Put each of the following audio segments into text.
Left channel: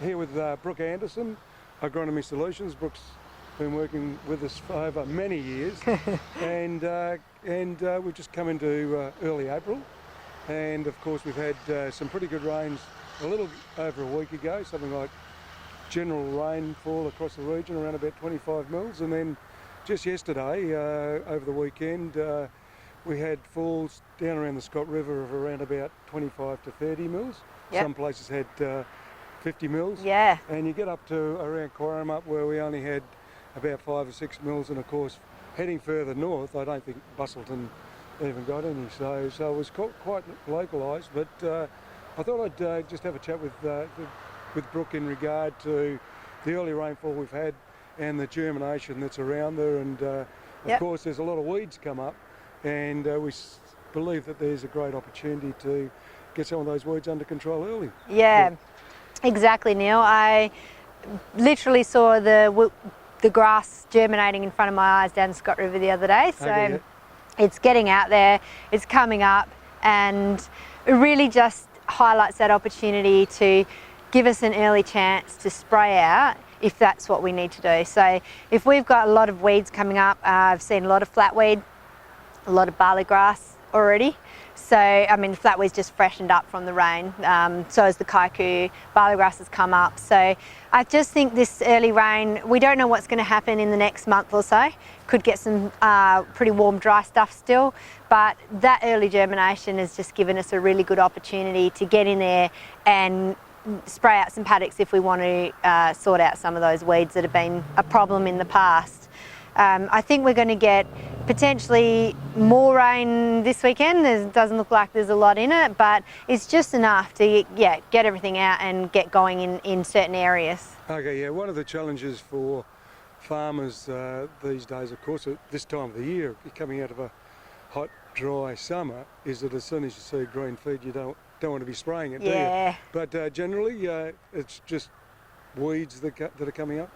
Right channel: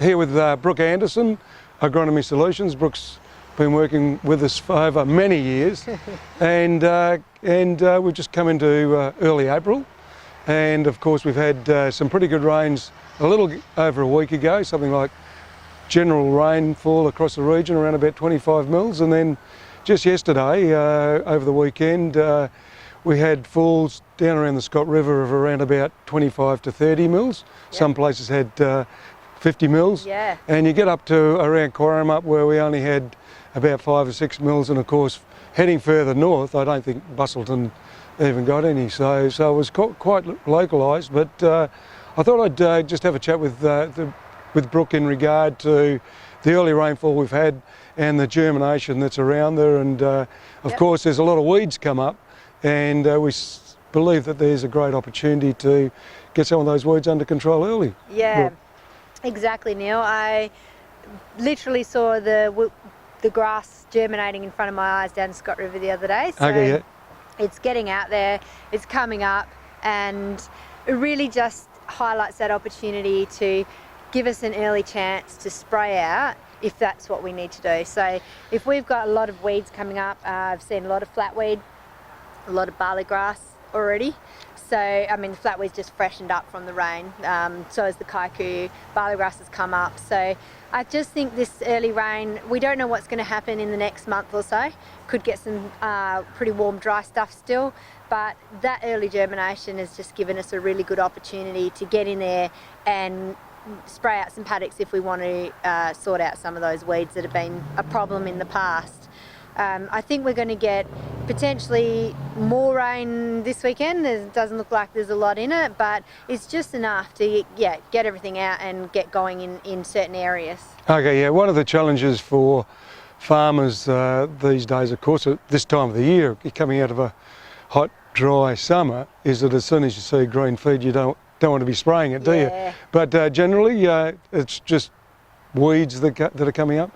here with Brooke Anderson, Agronomy Solutions. Brooke's been working with us for over many years, and we've just come into early April, and of course we've had some pretty good rains a little over a week ago, something like general rainfall across the region around about 25 mils, and then just yesterday over the weekend we had falls down around the Scott River of around about 25 to 30 mils. Yep. Some places had 50 mils. Yeah. And you get up to around Corrimup where we only had about 5 or 6 mils, and of course heading further north I don't think Bustleton even got any, so it was quite localised. But I thought I'd just have a chat with Brooke in regard to the early rainfall we've had and the germination that's around there, and of Yep. course there's a lot of weeds come up, and we believe that there's a great opportunity to get some of those weeds under control early. Yeah, exactly, Neil. I literally saw the grass germinating in front of my eyes down the Scott River the other day. So okay, yeah. It's getting out there, it's coming up, and it really just highlights that opportunity to give us an early chance to spray out if that's what we need to do. So if we've got a lot of weeds coming up, I've seen a lot of flatweed, a lot of barley grass already. So, I mean, the flatweed's just freshened up from the rain, so has the kaiku, barley grass has come up. So I just think this early rain, we don't know what's going to happen in the next month or so. Could get some pretty warm, dry stuff still, but that early germination has just given us a really good opportunity to get in there and spray out some paddocks if we want to sort out some of those weeds that have been a problem in the past. I think we're going to get potentially more rain this weekend. It doesn't look like there's a lot in it, but it's just enough to get everything out and get going in certain areas. Okay, yeah, one of the challenges for farmers these days, of course, at this time of the year, coming out of a hot, dry summer, is that as soon as you see green feed, you don't want to be spraying it, do you? But generally, it's just weeds that are coming up.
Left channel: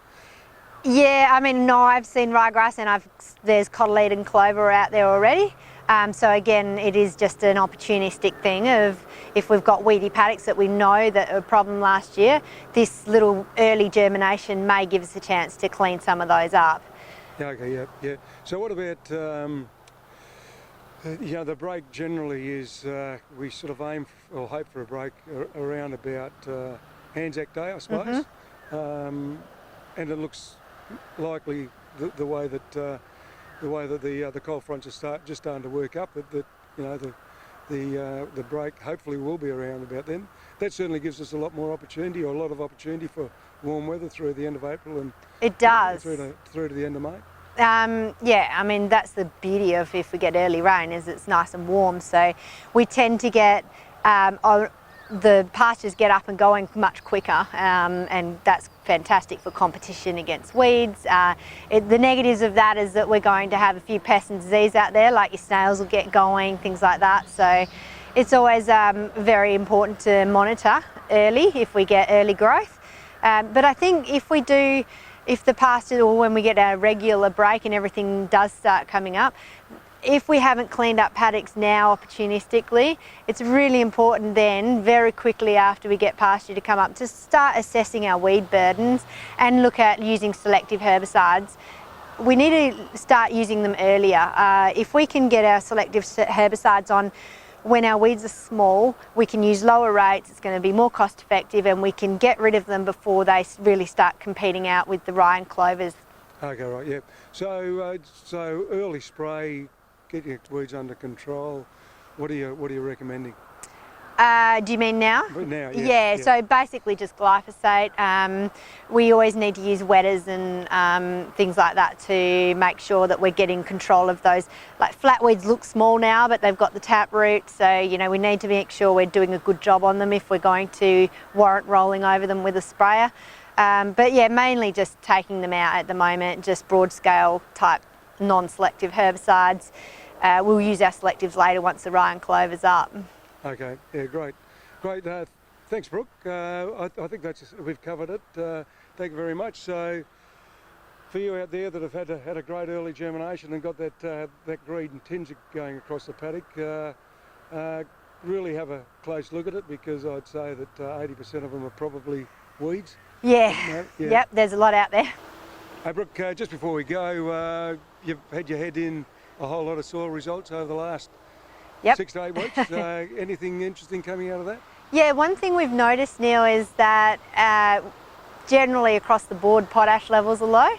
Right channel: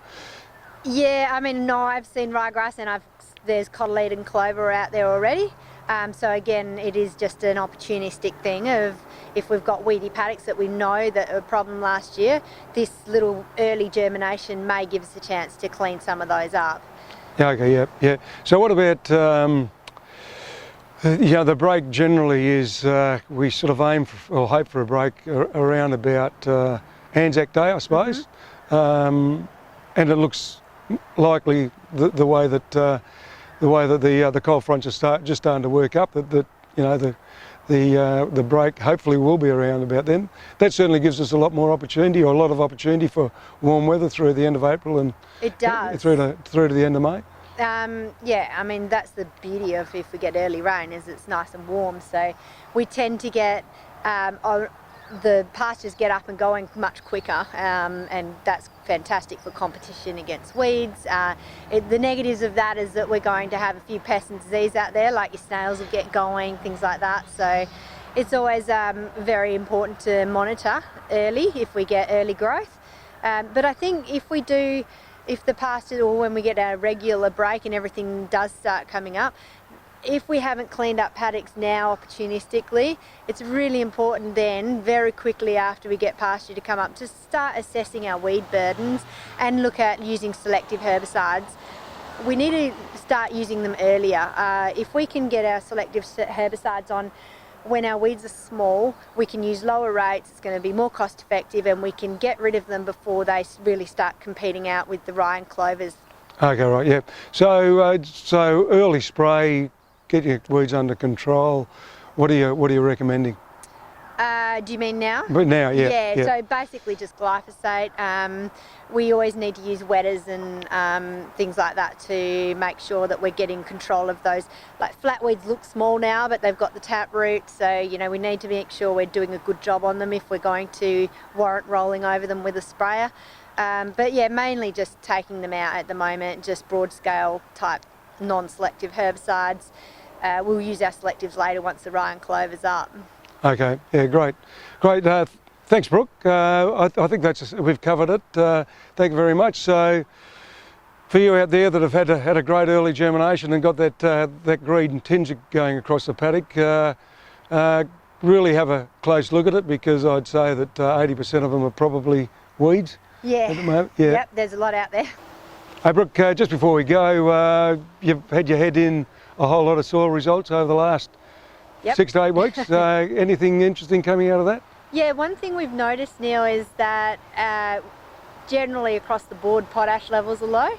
Yeah, I mean, no, I've seen ryegrass and there's cotyledon and clover out there already. So again, it is just an opportunistic thing of if we've got weedy paddocks that we know that are a problem last year, this little early germination may give us a chance to clean some of those up. Yeah, okay, yeah. So what about, the break generally is, we sort of aim for, or hope for a break around about Anzac Day, I suppose. Mm-hmm. And it looks likely the way that the cold fronts are just starting to work up, that the break hopefully will be around about then. That certainly gives us a lot more opportunity, or a lot of opportunity for warm weather through the end of April and it does through to the end of May. Yeah, I mean that's the beauty of if we get early rain, is it's nice and warm. So we tend to get the pastures get up and going much quicker, and that's fantastic for competition against weeds. The negatives of that is that we're going to have a few pests and disease out there, like your snails will get going, things like that. So it's always very important to monitor early if we get early growth. But I think if the pasture, or when we get our regular break and everything does start coming up, if we haven't cleaned up paddocks now opportunistically, it's really important then, very quickly after we get pasture to come up, to start assessing our weed burdens and look at using selective herbicides. We need to start using them earlier. If we can get our selective herbicides on when our weeds are small, we can use lower rates, it's going to be more cost effective, and we can get rid of them before they really start competing out with the rye and clovers. Okay, right, yeah. So early spray, get your weeds under control. What are you recommending? Do you mean now? But now, yeah. Yeah, so basically just glyphosate. We always need to use wetters and things like that to make sure that we're getting control of those. Like flatweeds look small now, but they've got the taproot, so we need to make sure we're doing a good job on them if we're going to warrant rolling over them with a sprayer. But yeah, mainly just taking them out at the moment, just broad scale type non-selective herbicides. We'll use our selectives later once the rye and clover's up. Okay, yeah, great. Thanks, Brooke. I think we've covered it. Thank you very much. So, for you out there that have had a great early germination and got that green tinge going across the paddock, really have a close look at it, because I'd say that 80% of them are probably weeds. Yeah. At the moment. Yeah. Yep, there's a lot out there. Hey Brooke, just before we go, you've had your head in a whole lot of soil results over the last Yep. 6 to 8 weeks. Anything interesting coming out of that? Yeah, one thing we've noticed, Neil, is that generally across the board potash levels are low,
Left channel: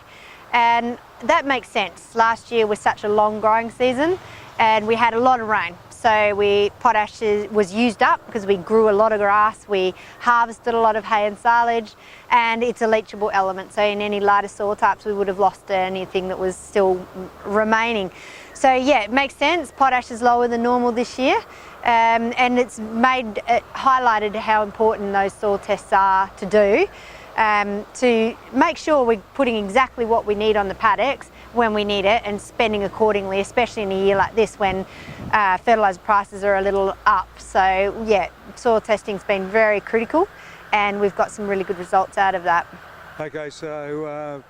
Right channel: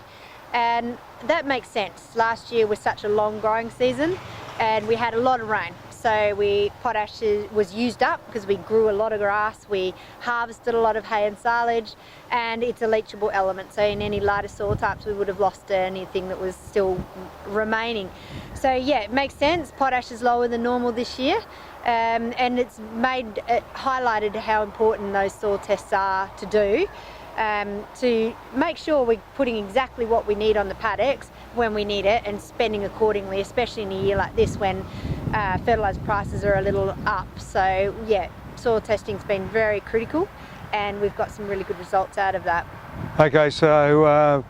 and that makes sense. Last year was such a long growing season and we had a lot of rain, so potash was used up because we grew a lot of grass, we harvested a lot of hay and silage, and it's a leachable element, so in any lighter soil types we would have lost anything that was still remaining. So yeah, it makes sense. Potash is lower than normal this year. And it's highlighted how important those soil tests are to do, to make sure we're putting exactly what we need on the paddocks when we need it and spending accordingly, especially in a year like this when fertiliser prices are a little up. So yeah, soil testing's been very critical and we've got some really good results out of that. Okay, so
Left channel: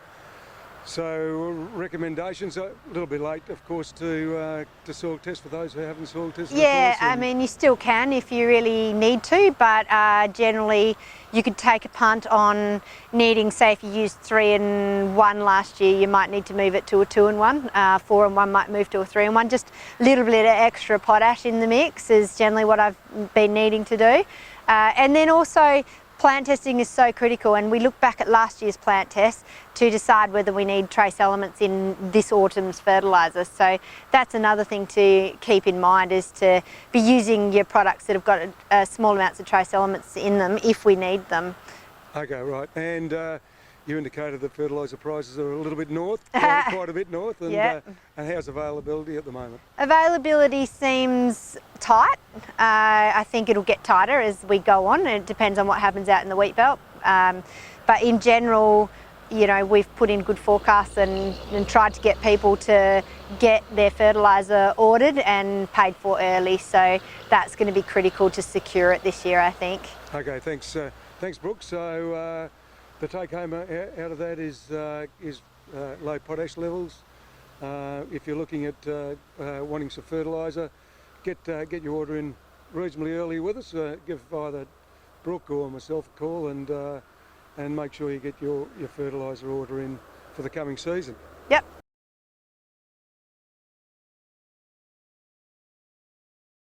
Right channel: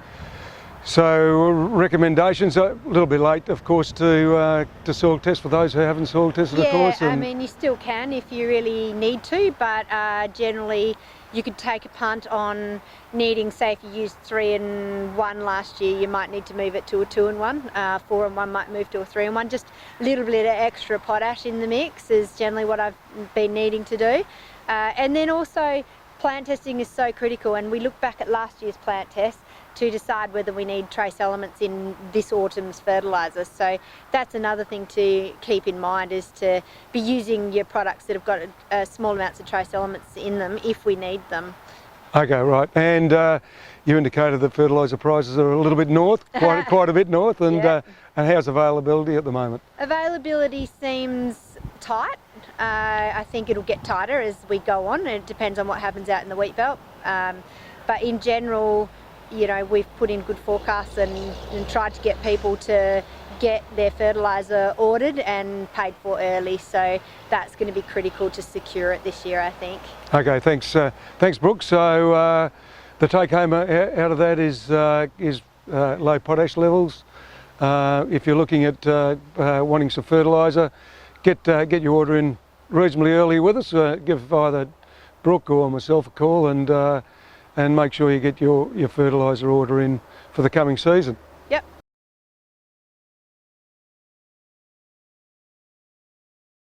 recommendations, a little bit late of course to soil test for those who haven't soil tested, of course. Yeah, I mean you still can if you really need to, but generally you could take a punt on needing, say if you used 3 and 1 last year, you might need to move it to a 2 and 1, 4 and 1 might move to a 3 and 1. Just a little bit of extra potash in the mix is generally what I've been needing to do. And then also plant testing is so critical, and we look back at last year's plant tests to decide whether we need trace elements in this autumn's fertiliser. So that's another thing to keep in mind, is to be using your products that have got small amounts of trace elements in them if we need them. Okay, right. And you indicated that fertiliser prices are a little bit north, quite a bit north, and, Yep. And how's availability at the moment? Availability seems tight. I think it'll get tighter as we go on. It depends on what happens out in the wheat belt. But in general, you know, we've put in good forecasts and tried to get people to get their fertiliser ordered and paid for early. So that's going to be critical to secure it this year, I think. Okay, thanks Brooke. So the take home out of that is low potash levels. If you're looking at wanting some fertiliser, get your order in reasonably early with us. Give either Brooke or myself a call and make sure you get your fertiliser order in for the coming season. Yep,